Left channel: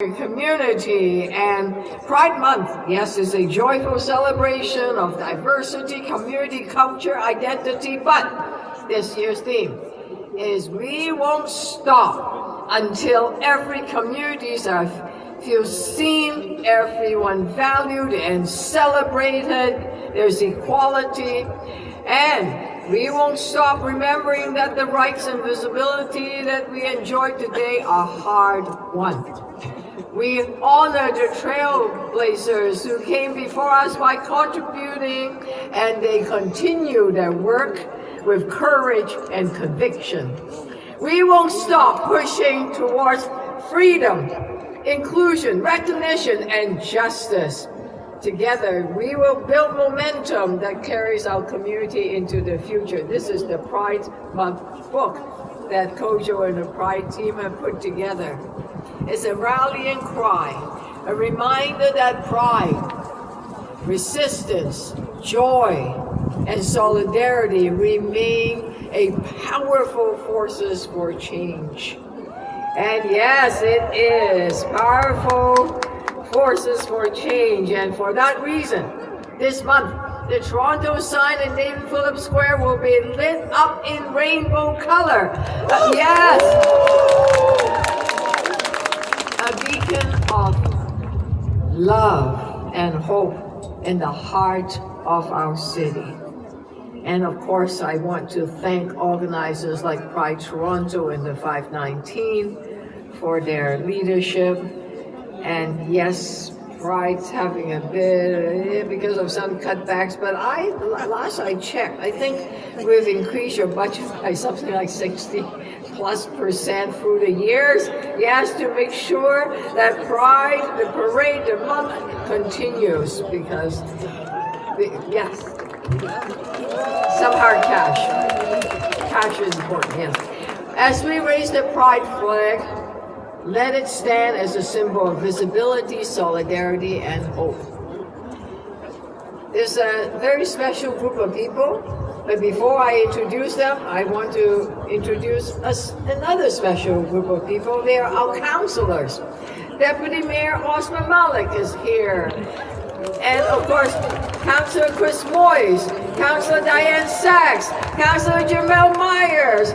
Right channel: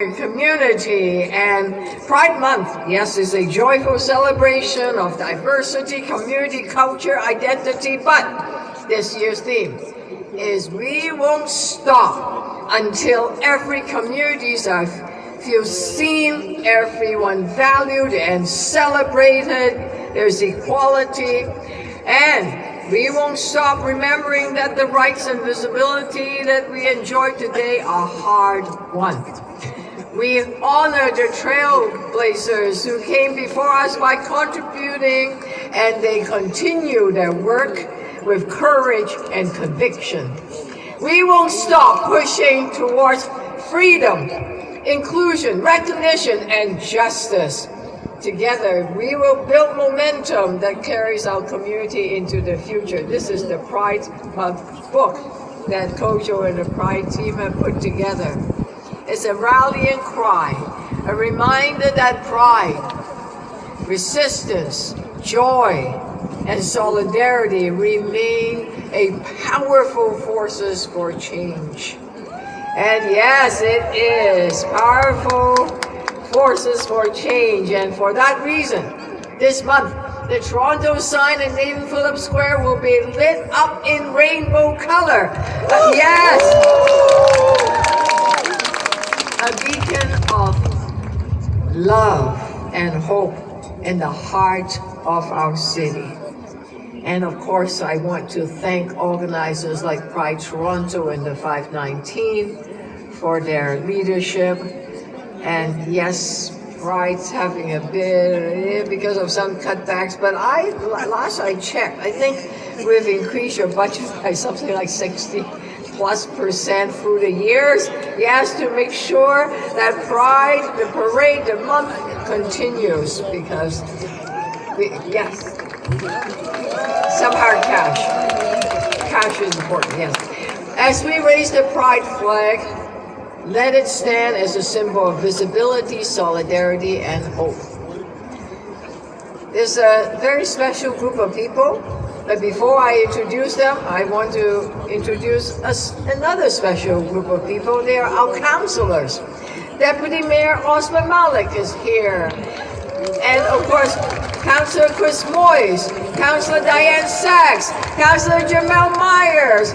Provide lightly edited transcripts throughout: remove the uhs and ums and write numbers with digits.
Community. And Pride Month, yes, is a joyful celebration of diversity, community, culture, identity, but this year's theme is we won't stop until every community feels seen, everyone valued and celebrated, there's equality, and we won't stop remembering that the rights and visibility that we enjoy today are hard-won. We honor the trailblazers who came before us by contributing, and they continue their work with courage and conviction. We won't stop pushing towards freedom, inclusion, recognition, and justice. Together, we will build momentum that carries our community into the future. This is the Pride Month book that Kojo and the Pride team have put together. It's a rallying cry, a reminder that pride, resistance, joy, and solidarity remain a powerful forces for change. And yes, it is powerful forces for change. And for that reason, this month, the Toronto sign in Nathan Phillips Square will be lit up in rainbow color. Yes! A beacon of love and hope in the heart of our city. And of course, I want to thank organizers like Pride Toronto and the 519 for their leadership. And yes, Pride's having a bit because of some cutbacks, but last I checked, I think we've increased your budget by something like 60+% through the years. Yes, to make sure that Pride, the parade, the month continues, because yes, some hard cash. Cash is important, yes. As we raise the Pride flag, let it stand as a symbol of visibility, solidarity, and hope. There's a very special group of people, but before I introduce them, I want to introduce another special group of people. They are our councillors. Deputy Mayor Osman Malik is here. And of course, Councillor Chris Moyes, Councillor Diane Sachs, Councillor Jamel Myers,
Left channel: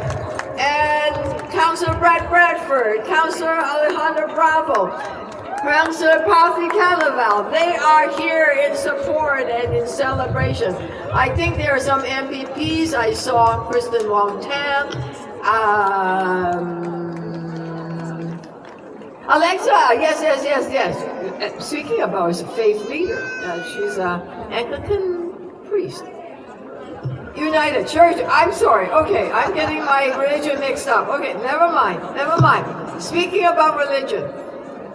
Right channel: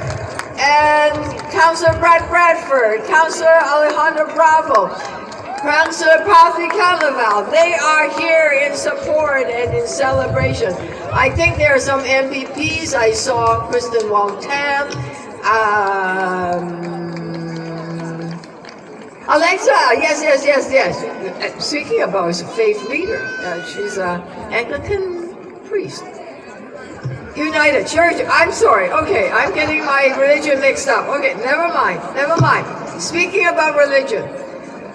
and Councillor Brad Bradford, Councillor Alejandro Bravo, Councillor Pathy Canaval. They are here in support and in celebration. I think there are some MPPs. I saw Kristen Wong Tam, Alexa, yes. Speaking about a faith leader, she's an Anglican priest. United Church, I'm sorry. Okay, I'm getting my religion mixed up. Okay, never mind. Speaking about religion,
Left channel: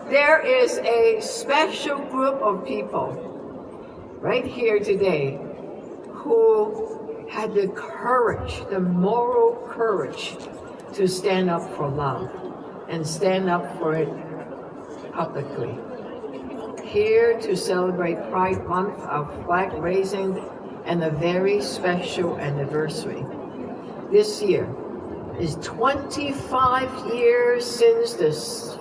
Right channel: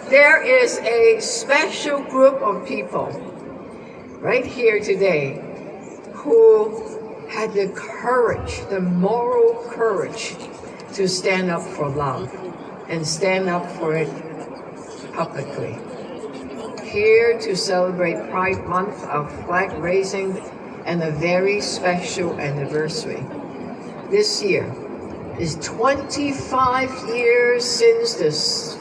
there is a special group of people right here today who had the courage, the moral courage to stand up for love and stand up for it publicly. Here to celebrate Pride Month, our flag raising, and a very special anniversary. This year is 25 years since the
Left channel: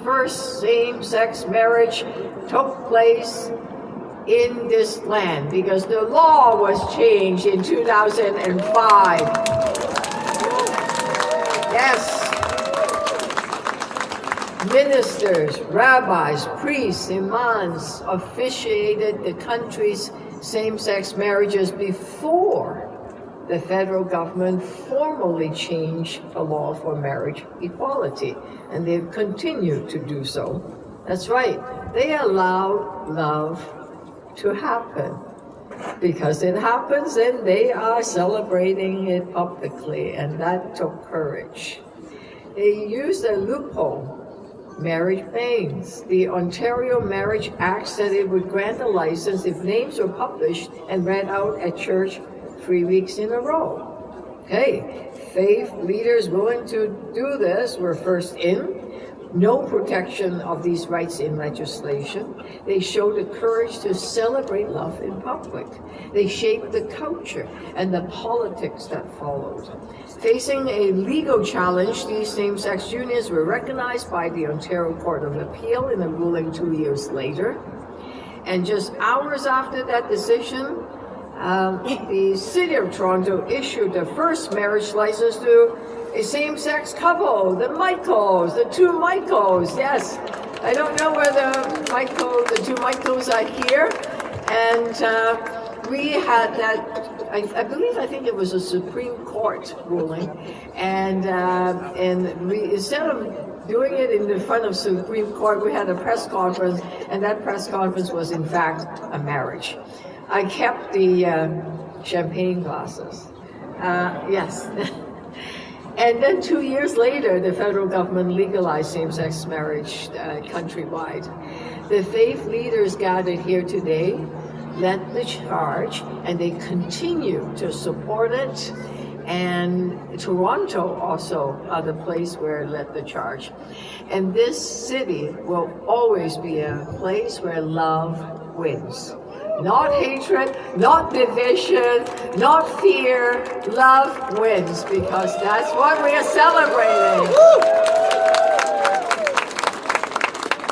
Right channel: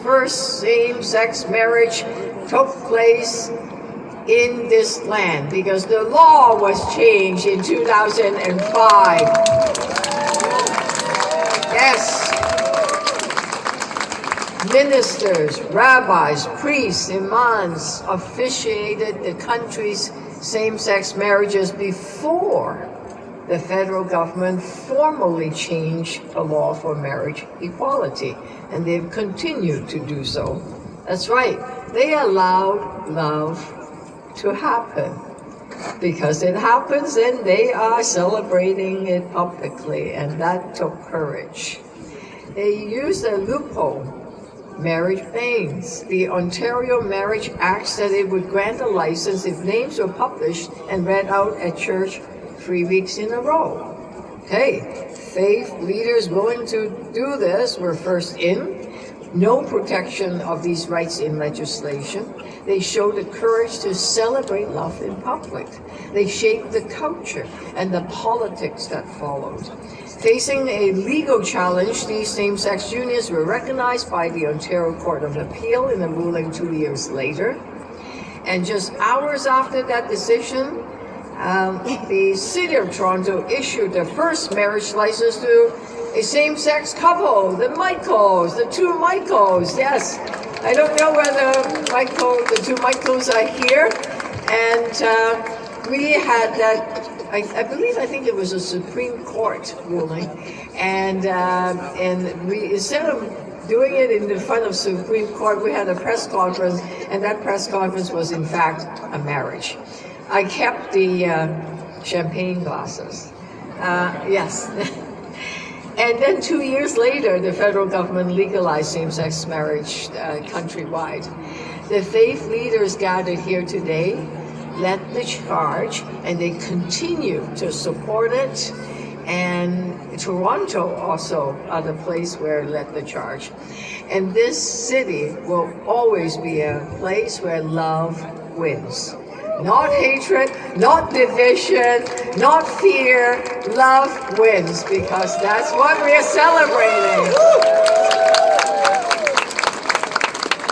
first same-sex marriage took place in this land, because the law was changed in 2005. Yes. Ministers, rabbis, priests, imams officiated the country's same-sex marriages before the federal government formally changed the law for marriage equality, and they've continued to do so. That's right, they allowed love to happen. Because it happens, and they are celebrating it publicly, and that took courage. They used a loophole, marriage bans. The Ontario Marriage Act said it would grant a license if names were published and read out at church 3 weeks in a row. Okay, faith leaders willing to do this were first in. no protection of these rights in legislation. They showed the courage to celebrate love in public. They shaped the culture and the politics that followed. Facing a legal challenge, these same-sex unions were recognized by the Ontario Court of Appeal in a ruling 2 years later. And just hours after that decision, the City of Toronto issued the first marriage license to a same-sex couple, the Michaels, the two Michaels, yes. I don't know whether the two Michaels are here. And we had that, I think it was a Supreme Court ruling. And we, instead of doing it in the front of Supreme Court, we had a press conference, and that press conference was in fact a marriage. I kept the champagne glasses, yes. And then 2 years later, the federal government legalized same-sex marriage countrywide. The faith leaders gathered here today led the charge, and they continue to support it. And Toronto also are the place where it led the charge. And this city will always be a place where love wins. Not hatred, not division, not fear. Love wins, because that's what we are celebrating.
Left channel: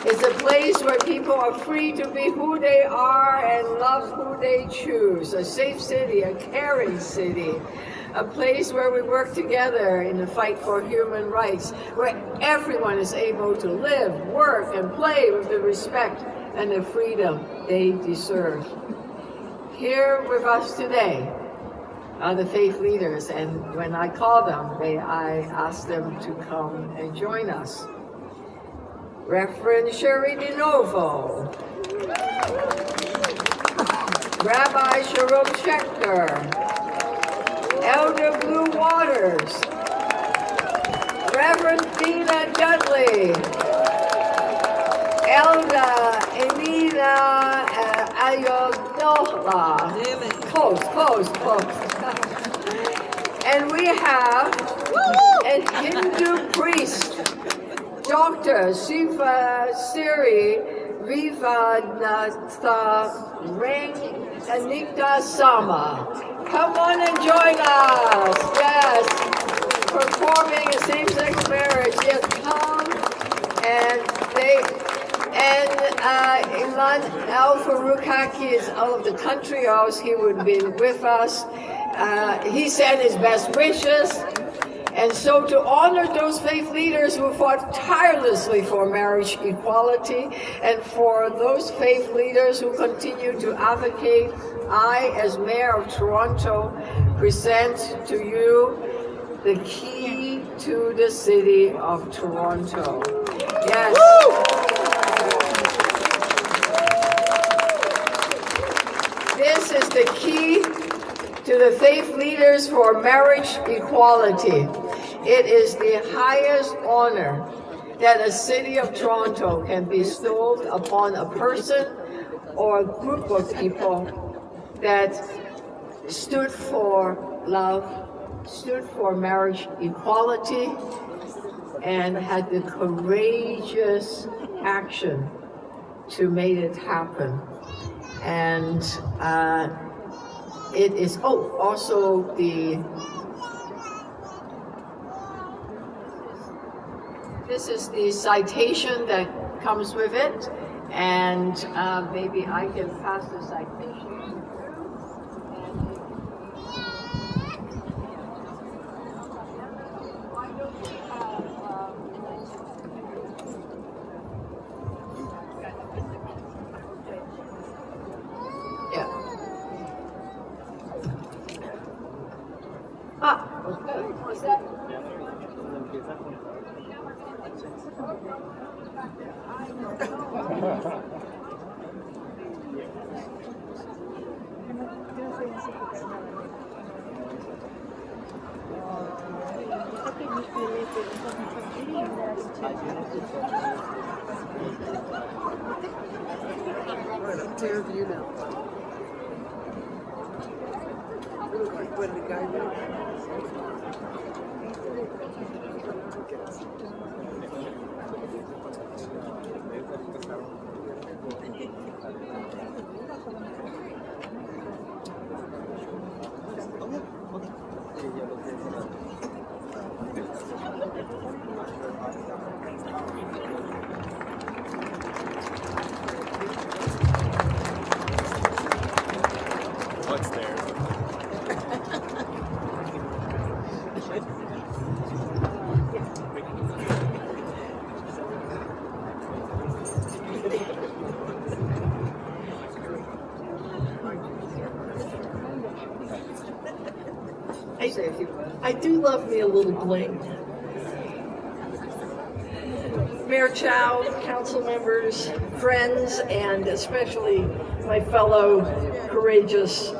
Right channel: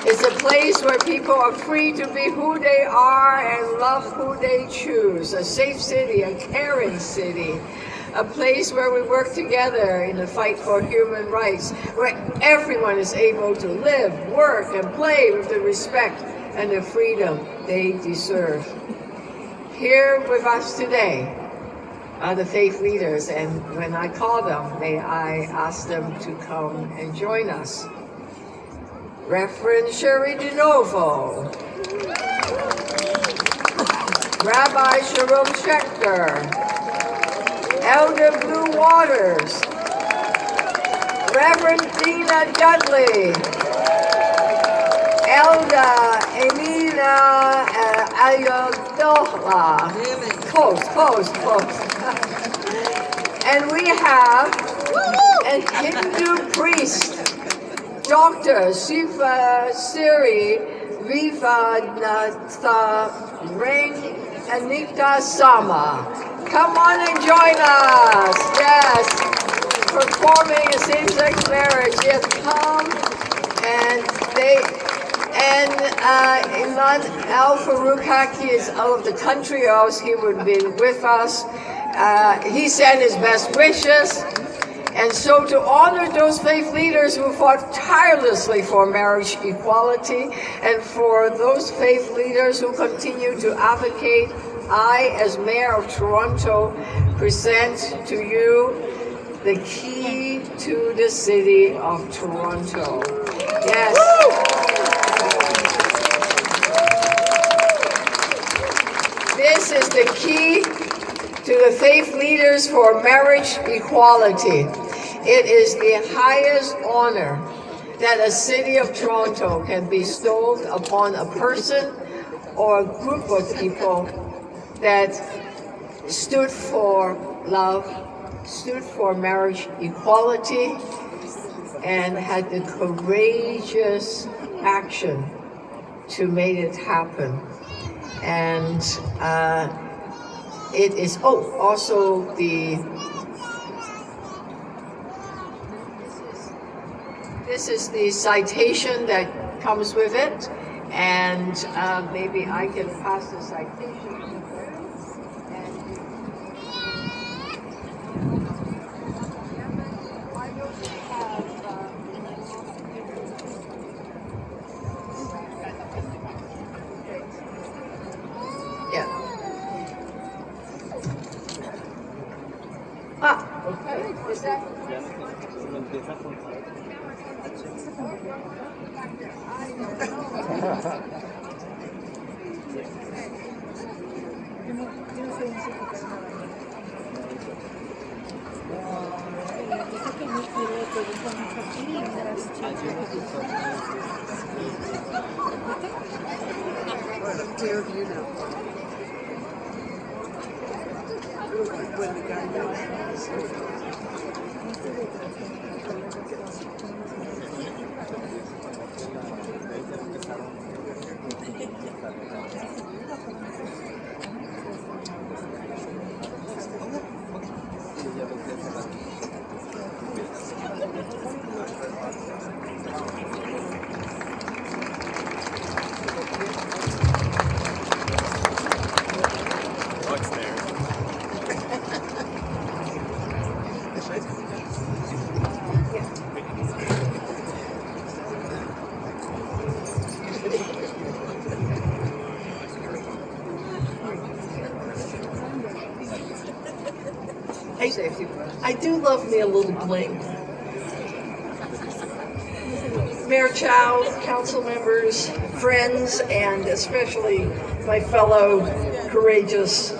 It's a place where people are free to be who they are and love who they choose. A safe city, a caring city. A place where we work together in the fight for human rights, where everyone is able to live, work, and play with the respect and the freedom they deserve. Here with us today are the faith leaders, and when I call them, I ask them to come and join us. Reverend Sherry DeNovo, Rabbi Jerome Schechter, Elder Blue Waters, Reverend Dina Dudley, Elder Emina Ayodola. Close. And we have a Hindu priest, Dr. Shiva Siri Vivanatha Anita Sama. Come on and join us. Yes, performing a same-sex marriage. Yes, come. And Ilan Al Farouk Haki is out of the country, or else he would have been with us. He sent his best wishes. And so to honor those faith leaders who fought tirelessly for marriage equality, and for those faith leaders who continue to advocate, I, as Mayor of Toronto, present to you the key to the City of Toronto. Yes. This is the key to the faith leaders for marriage equality. It is the highest honor that a City of Toronto can bestow upon a person or a group of people that stood for love, stood for marriage equality, and had the courageous action to make it happen. And it is also this is the citation that comes with it, and maybe I can pass the citation to you. And why don't we have yeah. Okay. Is that? I don't know. say a few words. I do love me a little bling. Mayor Chow, council members, friends, and especially my fellow courageous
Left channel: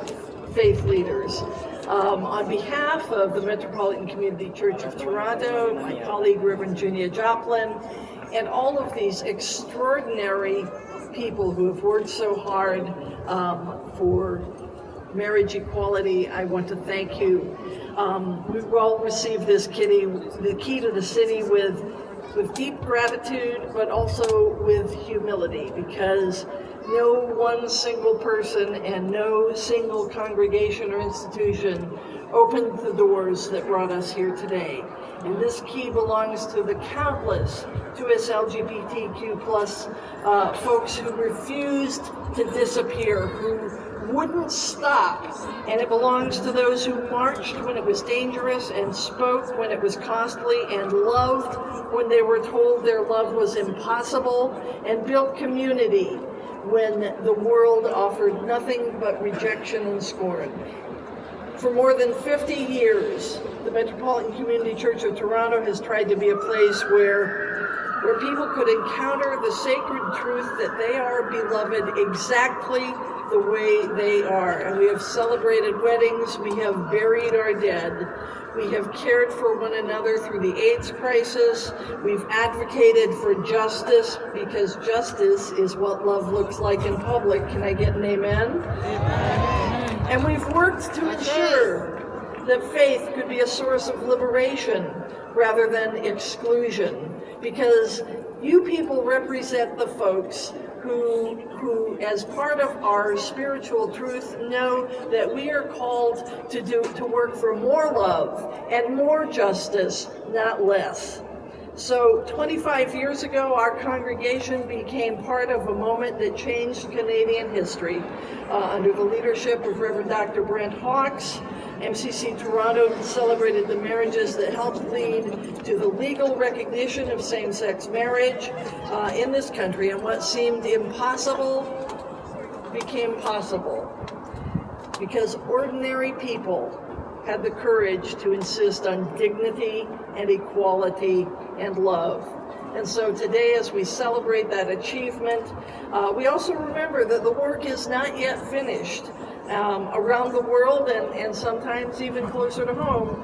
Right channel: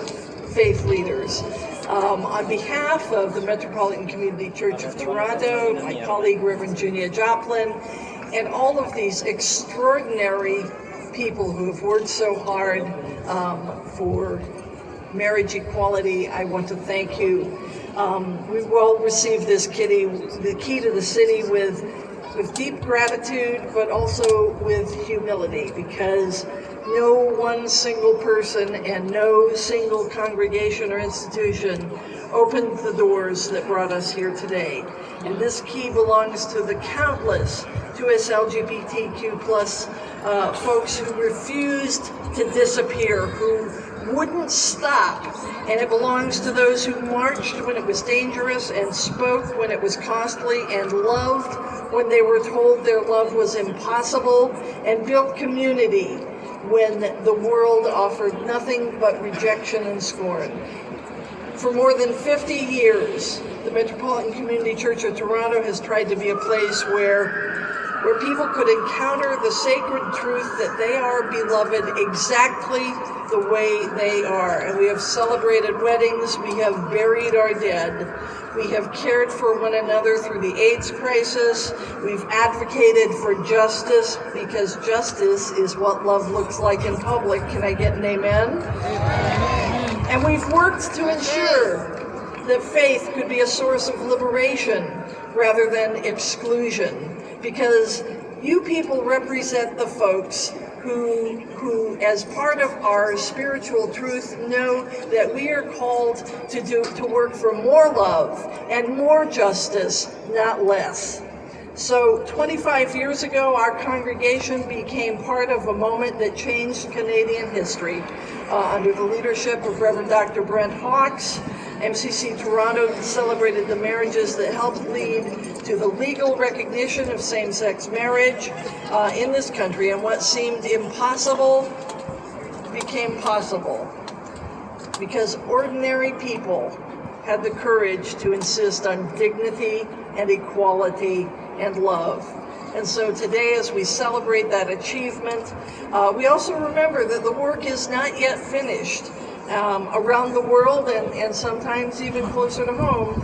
faith leaders. On behalf of the Metropolitan Community Church of Toronto, my colleague Reverend Junia Joplin, and all of these extraordinary people who have worked so hard for marriage equality, I want to thank you. We will receive this the key to the city with deep gratitude, but also with humility, because no one single person and no single congregation or institution opened the doors that brought us here today. And this key belongs to the countless 2S LGBTQ plus folks who refused to disappear, who wouldn't stop. And it belongs to those who marched when it was dangerous and spoke when it was costly and loved when they were told their love was impossible, and built community when the world offered nothing but rejection and scorn. For more than 50 years, the Metropolitan Community Church of Toronto has tried to be a place where people could encounter the sacred truth that they are beloved exactly the way they are. And we have celebrated weddings, we have buried our dead, we have cared for one another through the AIDS crisis, we've advocated for justice, because justice is what love looks like in public. Can I get an amen? And we've worked to ensure that faith could be a source of liberation rather than exclusion, because you people represent the folks who, as part of our spiritual truth, know that we are called to work for more love and more justice, not less. So 25 years ago, our congregation became part of a moment that changed Canadian history. Under the leadership of Reverend Dr. Brent Hawkes, MCC Toronto celebrated the marriages that helped lead to the legal recognition of same-sex marriage in this country, and what seemed impossible became possible because ordinary people had the courage to insist on dignity and equality and love. And so today, as we celebrate that achievement, we also remember that the work is not yet finished. Around the world, and sometimes even closer to home,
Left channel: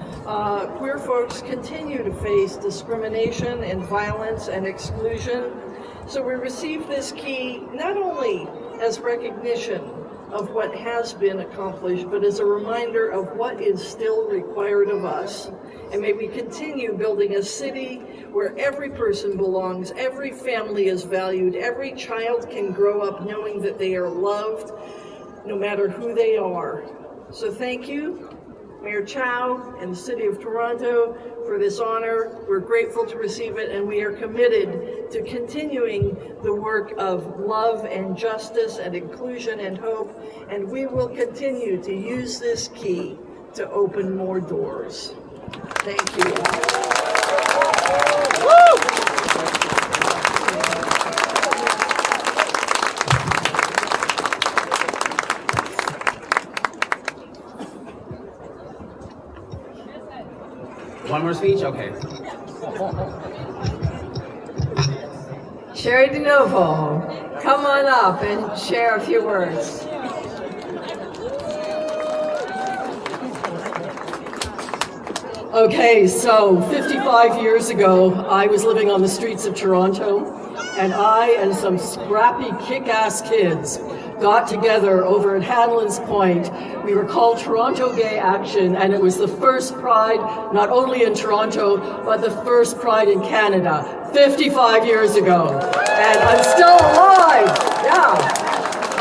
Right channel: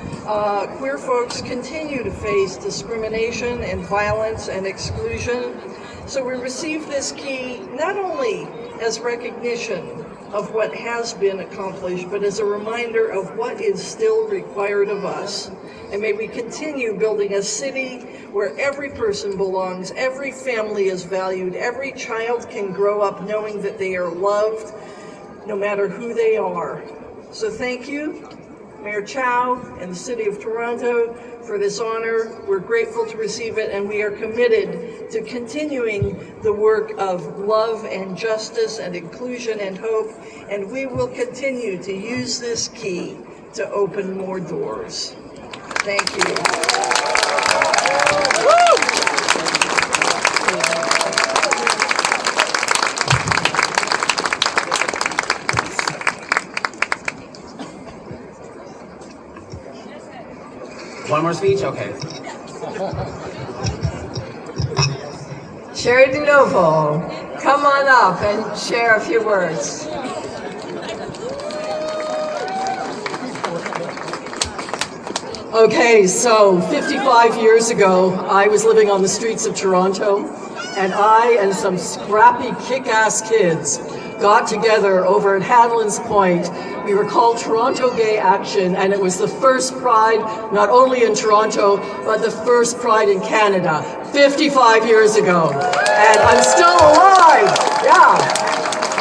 queer folks continue to face discrimination and violence and exclusion. So we receive this key not only as recognition of what has been accomplished, but as a reminder of what is still required of us. And may we continue building a city where every person belongs, every family is valued, every child can grow up knowing that they are loved, no matter who they are. So thank you, Mayor Chow and the City of Toronto, for this honor. We're grateful to receive it, and we are committed to continuing the work of love and justice and inclusion and hope, and we will continue to use this key to open more doors. Thank you. One more speech? Okay. Sherry DeNovo, come on up and share a few words. Okay, so 55 years ago, I was living on the streets of Toronto, and I and some scrappy kick-ass kids got together over at Hanlon's Point. We were called Toronto Gay Action, and it was the first pride, not only in Toronto, but the first pride in Canada, 55 years ago. And I'm still alive, yeah.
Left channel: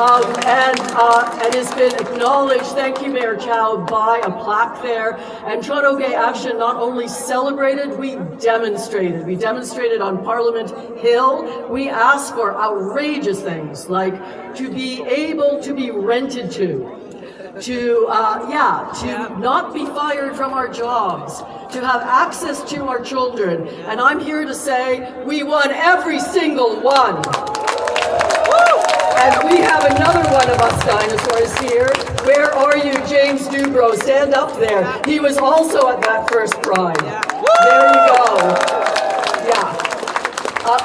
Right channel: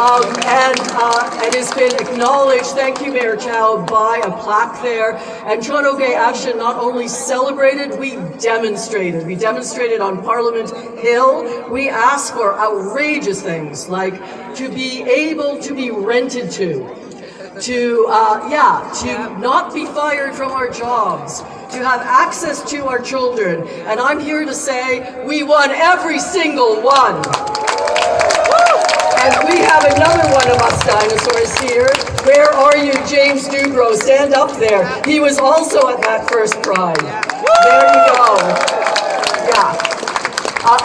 And it's been acknowledged, thank you Mayor Chow, by a plaque there. And Toronto Gay Action not only celebrated, we demonstrated. We demonstrated on Parliament Hill. We asked for outrageous things, like to be able to be rented to not be fired from our jobs, to have access to our children. And I'm here to say we won every single one. And we have another one of us dinosaurs here. Where are you, James Dubrow? Stand up there. He was also at that first Pride. There you go. Yeah.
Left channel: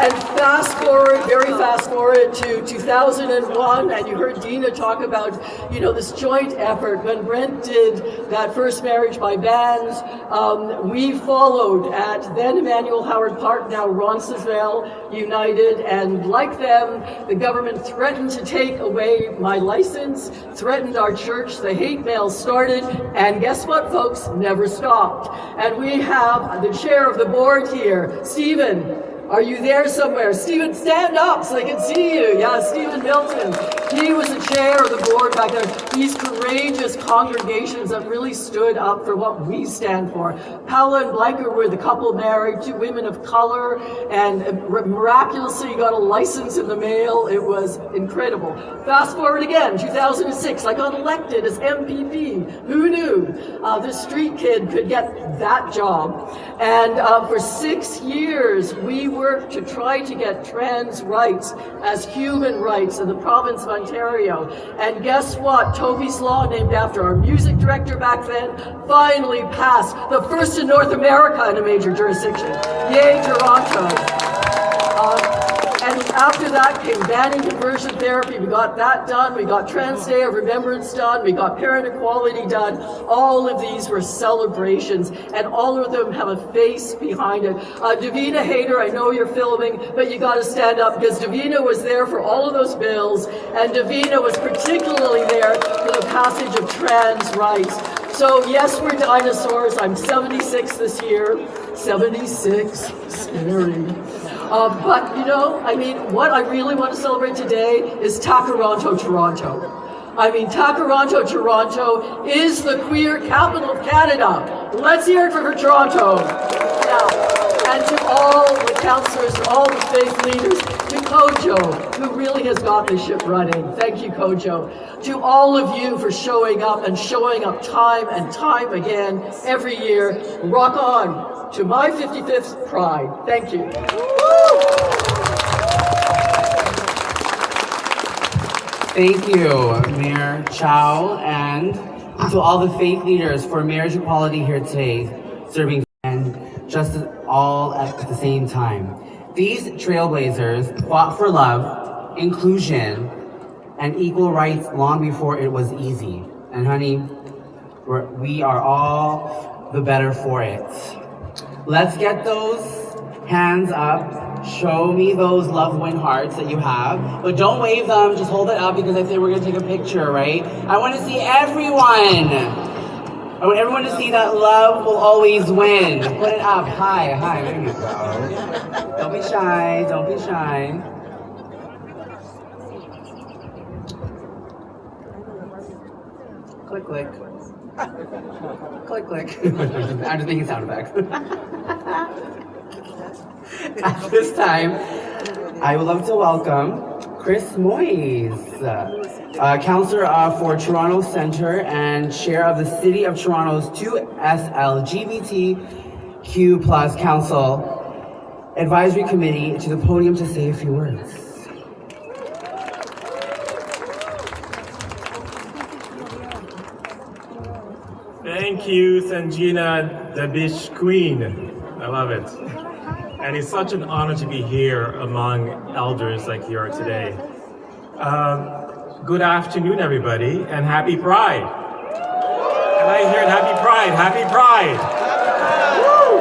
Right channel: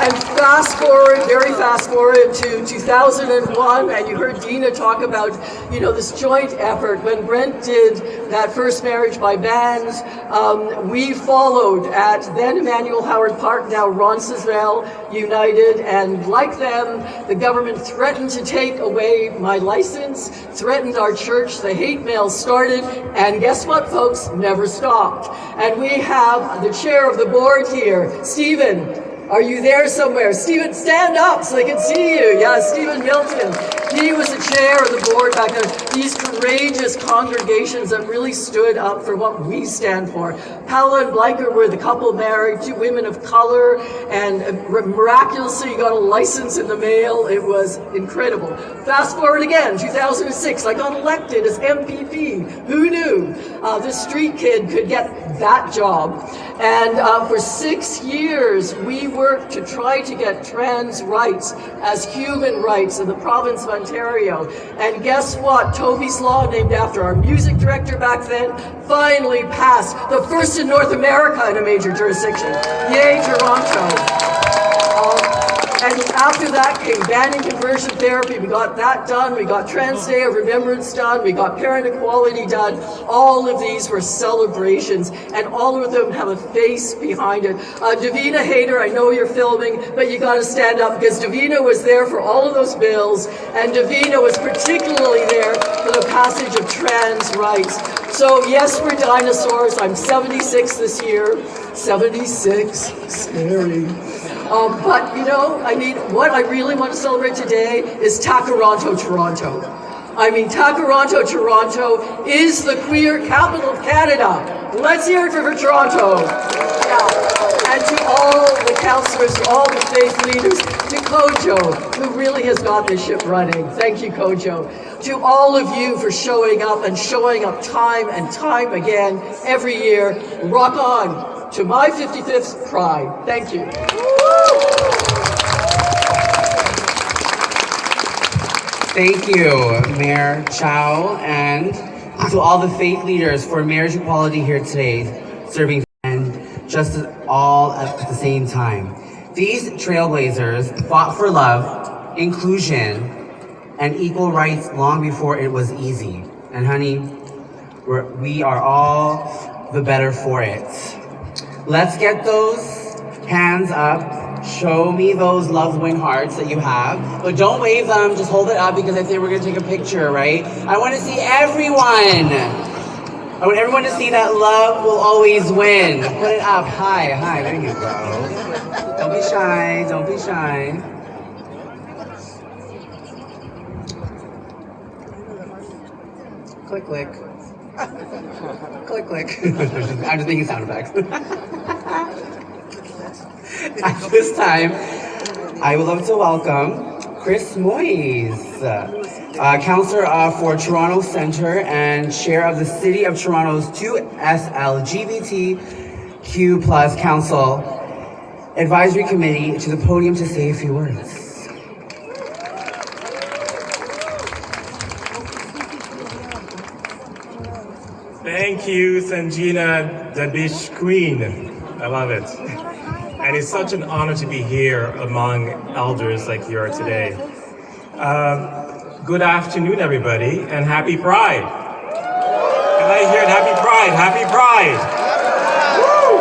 And fast forward, very fast forward to 2001, and you heard Dina talk about, this joint effort. When Brent did that first marriage by bands, we followed at then Emmanuel Howard Park, now Roncesvalles United, and like them, the government threatened to take away my license, threatened our church, the hate mail started, and guess what, folks? Never stopped. And we have the chair of the board here, Stephen. Are you there somewhere? Stephen, stand up so they can see you. Yeah, Stephen Milton. He was the chair of the board back then. These courageous congregations that really stood up for what we stand for. Paula and Blanker were the couple married, 2 women of color, and miraculously got a license in the mail. It was incredible. Fast forward again, 2006, I got elected as MPP. Who knew this street kid could get that job? And for 6 years, we worked to try to get trans rights as human rights in the province of Ontario. And guess what? Toby's Law, named after our music director back then, finally passed. The first in North America in a major jurisdiction. Yay, Toronto. And after that came banning conversion therapy. We got that done. We got Trans Day of Remembrance done. We got parent equality done. All of these were celebrations, and all of them have a face behind it. Davina Hayter, I know you're filming, but you got to stand up because Davina was there for all of those bills, and Davina was particularly there for the passage of trans rights. So yes, we're dinosaurs. I'm 76 this year. 76, scary. But what I really want to celebrate today is Takaranto, Toronto. Takaranto, Toronto is the queer capital of Canada. Let's hear it for Toronto. Yeah. And to all the councillors, to all the faith leaders, to Kojo, who really has got this ship running. Thank you, Kojo. To all of you for showing up and showing up time and time again every year. Rock on to my 55th Pride. Thank you. Thank you, Mayor Chow, and to all the faith leaders for marriage equality here today, serving and justice all at the same time. These trailblazers fought for love, inclusion, and equal rights long before it was easy. And honey, we are all the better for it. Let's get those hands up. Show me those love win hearts that you have, but don't wave them, just hold it up because I think we're gonna take a picture, right? I wanna see everyone. I want everyone to see that love will always win. Put it up, hi, there you go. Don't be shy, don't be shy. Click, click. Click, click. I'm just making sound effects. At this time, I would love to welcome Chris Moyes, Councillor for Toronto Centre and Chair of the City of Toronto's 2S LGBTQ+ Council Advisory Committee, to the podium to say a few words. Thank you, Sanjina, the Beach Queen. I love it. And it's such an honor to be here among elders like you are today. Good afternoon, everybody, and happy Pride. And I hear it, happy Pride, happy Pride. Woo!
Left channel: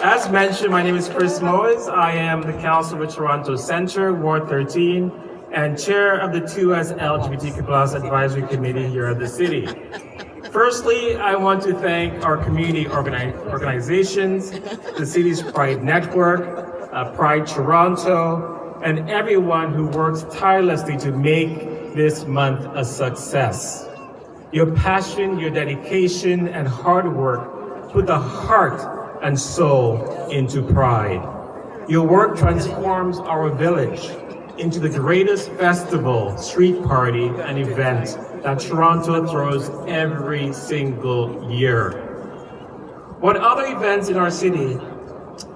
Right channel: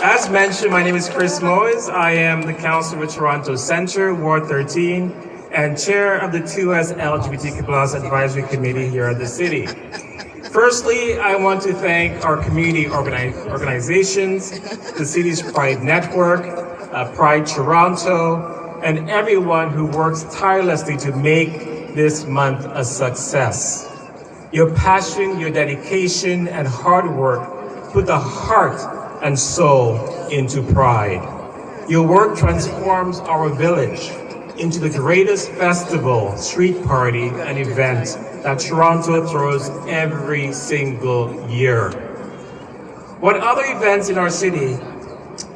As mentioned, my name is Chris Moyes. I am the Councillor with Toronto Centre, Ward 13, and Chair of the 2S LGBTQ+ Advisory Committee here at the City. Firstly, I want to thank our community organizations, the city's Pride Network, Pride Toronto, and everyone who works tirelessly to make this month a success. Your passion, your dedication, and hard work put the heart and soul into Pride. Your work transforms our village into the greatest festival, street party, and event that Toronto throws every single year. What other events in our city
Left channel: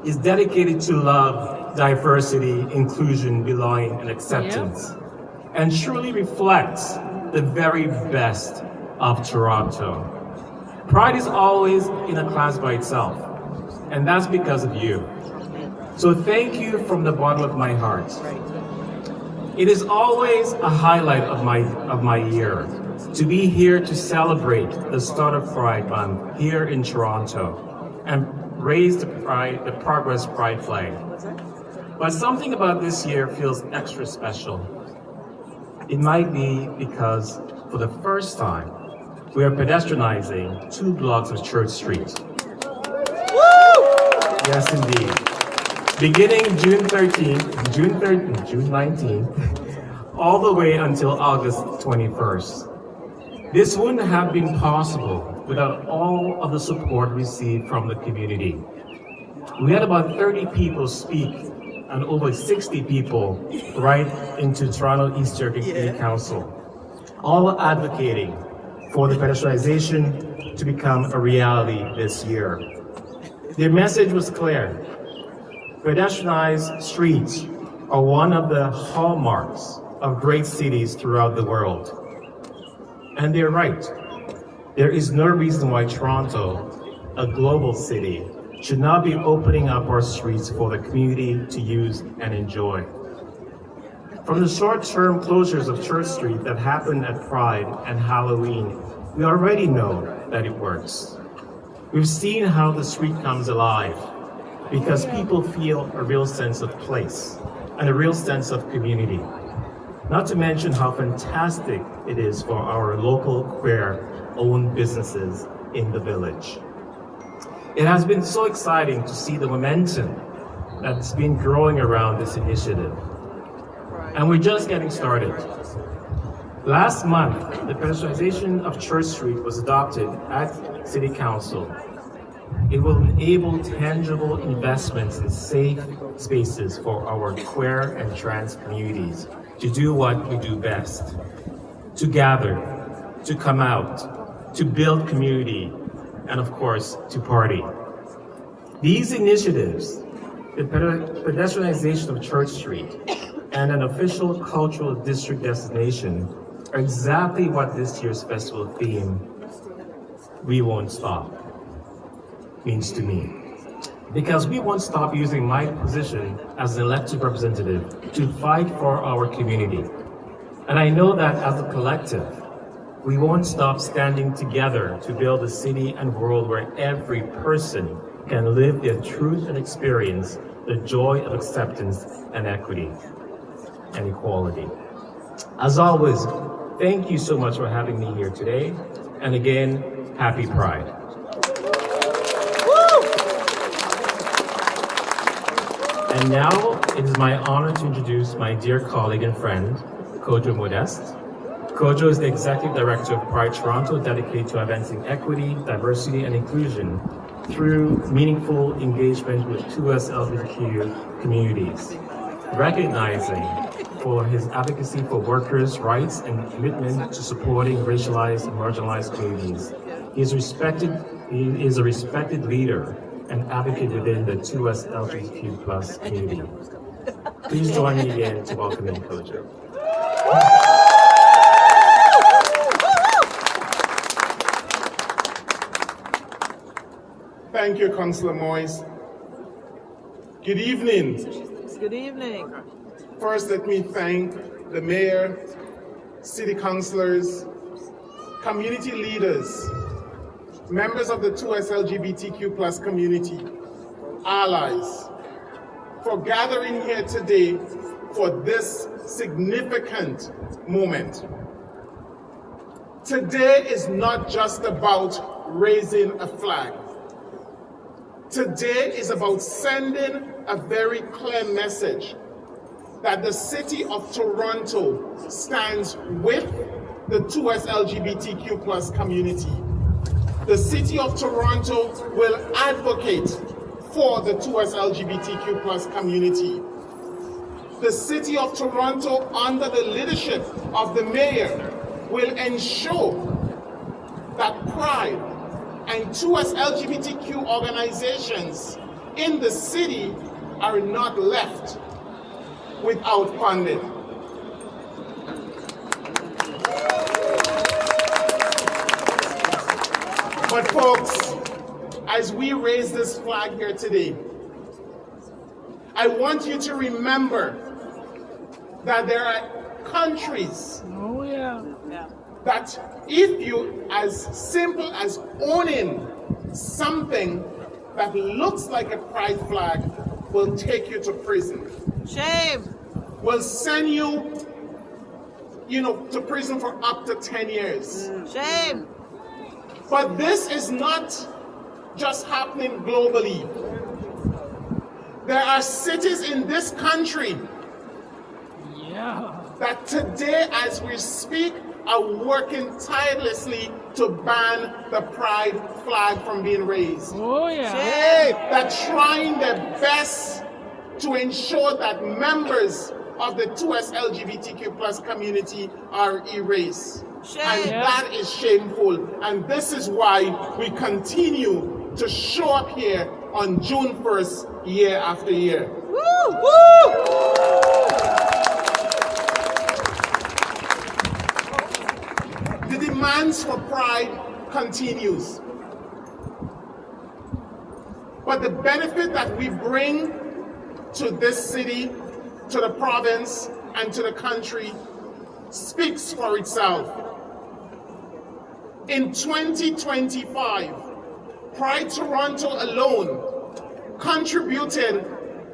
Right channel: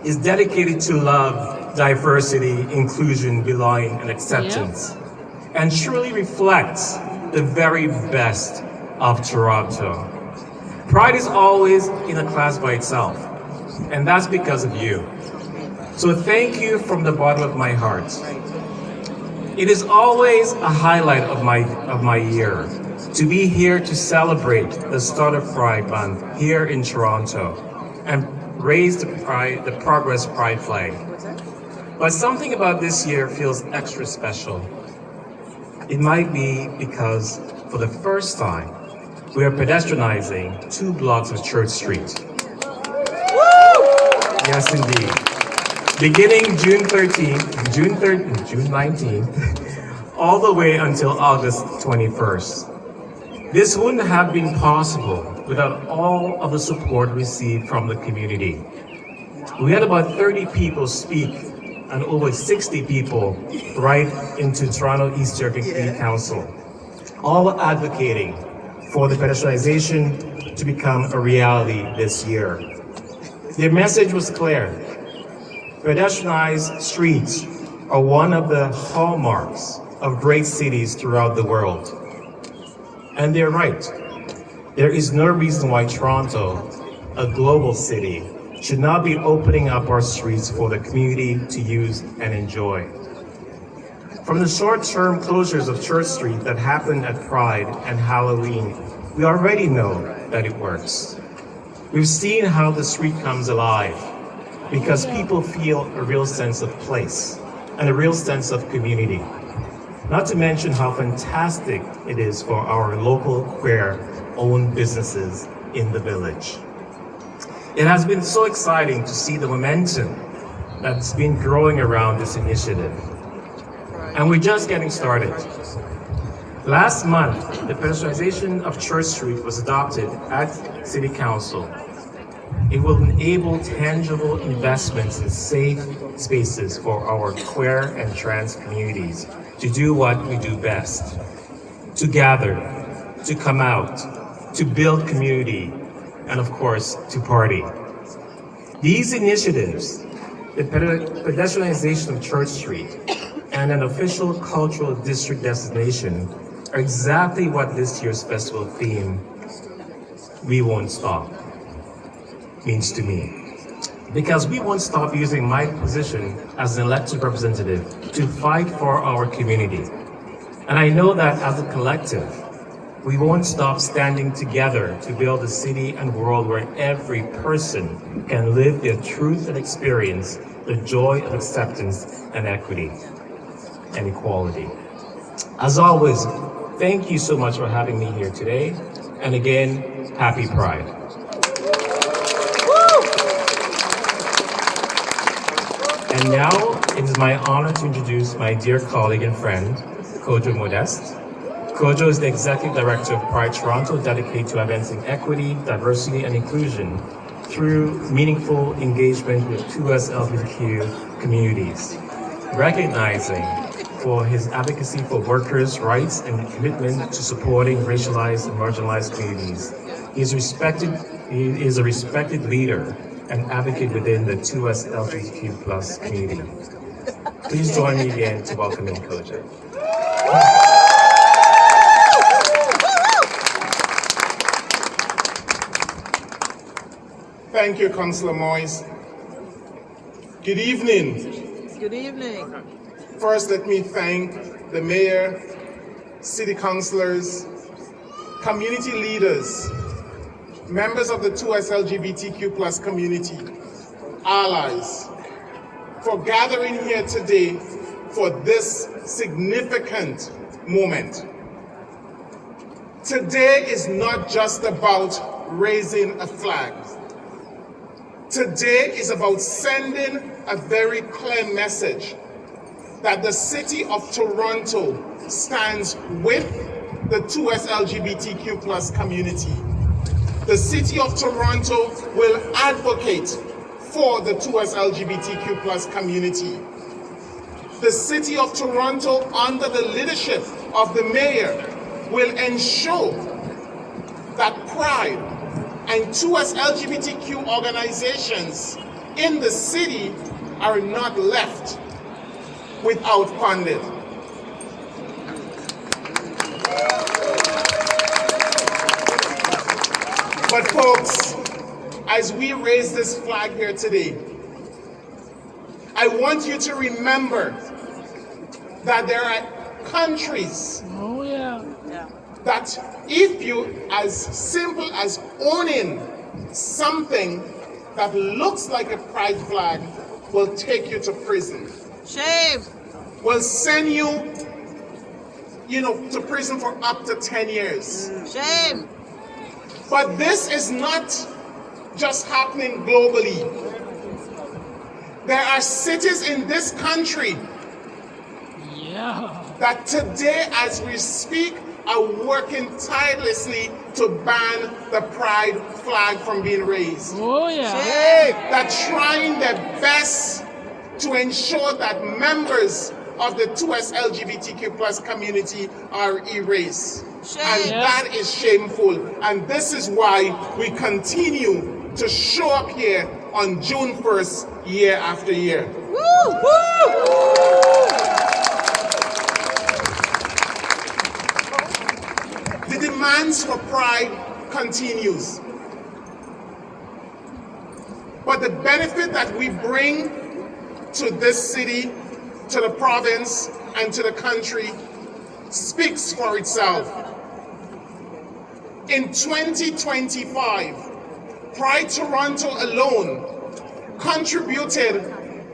is dedicated to love, diversity, inclusion, belonging, and acceptance? and truly reflects the very best of Toronto. Pride is always in a class by itself, and that's because of you. So thank you from the bottom of my heart. It is always a highlight of my year to be here to celebrate the start of Pride Month here in Toronto and raise the Progress Pride flag. But something about this year feels extra special. It might be because for the first time, we are pedestrianizing 2 blocks of Church Street. Yes, indeed. Beginning June 19th, all the way until August 21st. This wouldn't have been possible without all of the support received from the community. We had about 30 people speak and over 60 people write into Toronto East Circuit City Council, all advocating for the pedestrianization to become a reality this year. Their message was clear. Pedestrianized streets are one of the hallmarks of great cities throughout the world. And they're right. There is no reason why Toronto, a global city, should not be opening up our streets for the community to use and enjoy. From the short-term closures of Church Street that happened at Pride and Halloween, we already know that it works. We've seen how the street comes alive because people feel a real sense of place and a real sense of community. Not to mention how fantastic it is for our local queer-owned businesses in the village. It has been so exciting to see the momentum that's been growing around this initiative. And we're just getting started. Last month, the pedestrianization of Church Street was adopted at City Council. It will enable tangible investments in safe spaces for our queer and trans communities to do what we do best, to gather, to come out, to build community, and of course, to party. These initiatives, the pedestrianization of Church Street and an official cultural district designation, are exactly what this year's festival theme, We Won't Stop, means to me. Because we won't stop using my position as an elected representative to fight for our community. And I know that as a collective, we won't stop standing together to build a city and world where every person can live their truth and experience the joy of acceptance and equity and equality. As always, thank you so much for having me here today. And again, happy Pride. And now it is my honor to introduce my dear colleague and friend, Kojo Modeste. Kojo is the Executive Director of Pride Toronto, dedicated to advancing equity, diversity, and inclusion through meaningful engagement with 2S LGBTQ communities, recognizing for his advocacy for workers' rights and commitment to supporting racialized and marginalized communities. He is a respected leader and advocate within the 2S LGBTQ+ community. Please join me again to welcome him, Kojo. Thank you, Councillor Moyes. Good evening. Good evening. First, let me thank the mayor, city councillors, community leaders, members of the 2S LGBTQ+ community, allies, for gathering here today for this significant moment. Today is not just about raising a flag. Today is about sending a very clear message that the city of Toronto stands with the 2S LGBTQ+ community. The city of Toronto will advocate for the 2S LGBTQ+ community. The city of Toronto, under the leadership of the mayor, will ensure that Pride and 2S LGBTQ organizations in the city are not left without funding. But folks, as we raise this flag here today, I want you to remember that there are countries that if you, as simple as owning something that looks like a pride flag, will take you to prison. Shame. Will send you, to prison for up to 10 years. Shame. But this is not just happening globally. There are cities in this country that today, as we speak, are working tirelessly to ban the pride flag from being raised. They're trying their best to ensure that members of the 2S LGBTQ plus community are erased. And that is shameful. And this is why we continue to show up here on June 1st, year after year. The demands for pride continues. But the benefit that we bring to this city, to the province, and to the country speaks for itself. In 2025, Pride Toronto alone contributed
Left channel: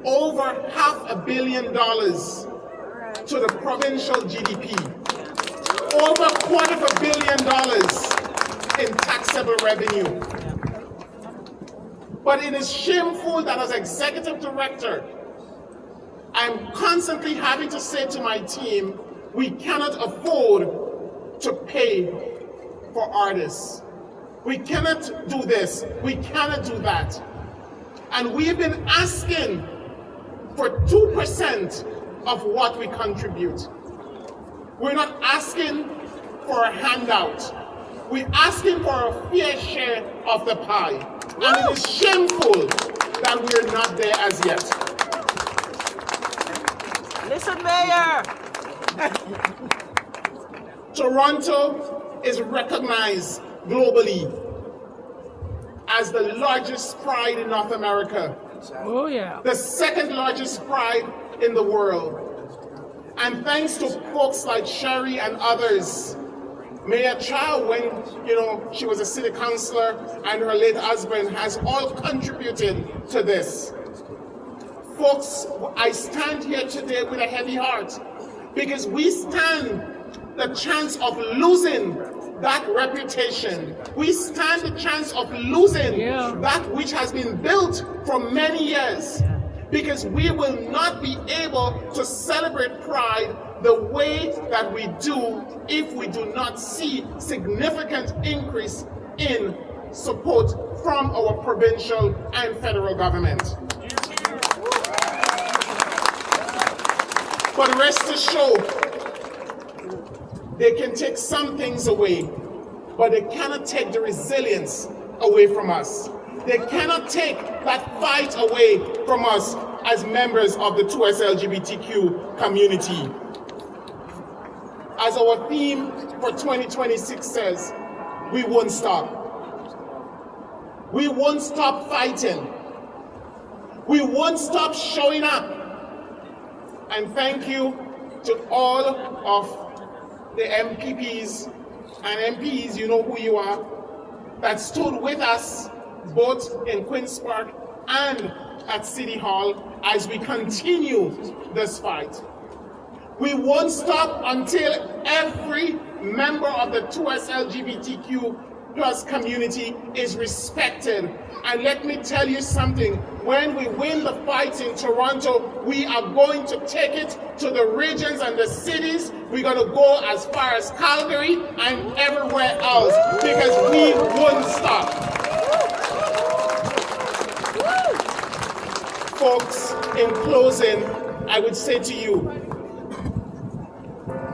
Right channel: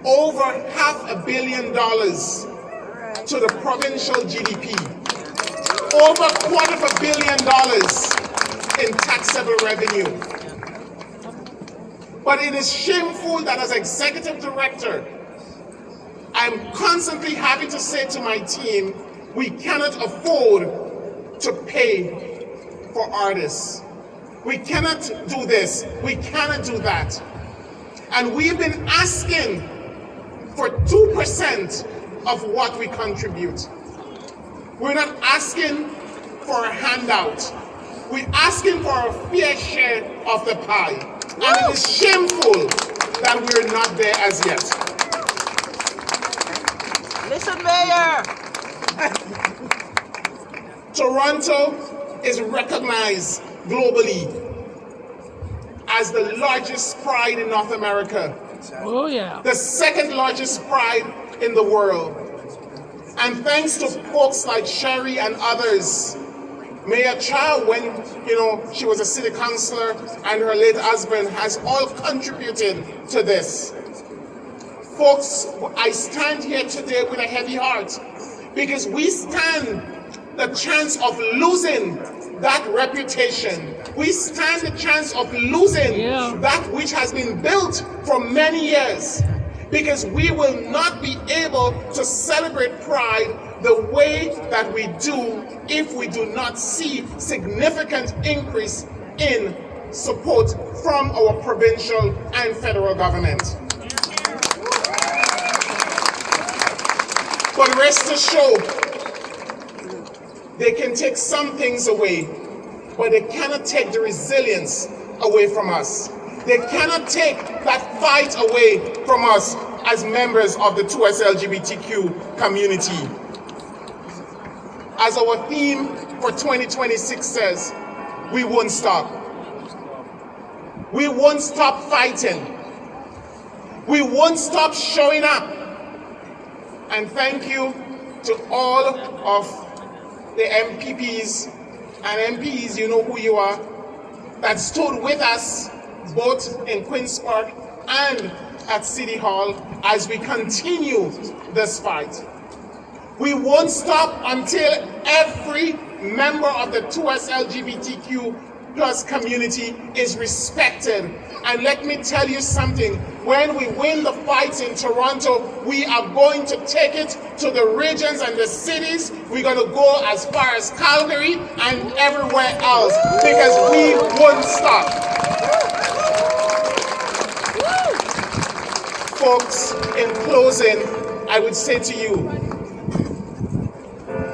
over $500 million to the provincial GDP, over $250 million in taxable revenue. But it is shameful that as executive director, I'm constantly having to say to my team, we cannot afford to pay for artists. We cannot do this. We cannot do that. And we've been asking for 2% of what we contribute. We're not asking for a handout. We're asking for a fair share of the pie. And it is shameful that we're not there as yet. Listen, Mayor. Toronto is recognized globally as the largest pride in North America. The second largest pride in the world. And thanks to folks like Sherry and others, Mayor Chow, when she was a city councillor, and her late husband has all contributed to this. Folks, I stand here today with a heavy heart because we stand the chance of losing that reputation. We stand the chance of losing that which has been built for many years, because we will not be able to celebrate Pride the way that we do if we do not see significant increase in support from our provincial and federal government. But rest assured, they can take some things away, but they cannot take the resilience away from us. They cannot take that fight away from us as members of the 2S LGBTQ community. As our theme for 2026 says, we won't stop. We won't stop fighting. We won't stop showing up. And thank you to all of the MPPs and MPs, you know who you are, that stood with us both in Queen's Park and at City Hall as we continue this fight. We won't stop until every member of the 2S LGBTQ plus community is respected. And let me tell you something, when we win the fight in Toronto, we are going to take it to the regions and the cities. We're going to go as far as Calgary and everywhere else, because we won't stop. Folks, in closing, I would say to you,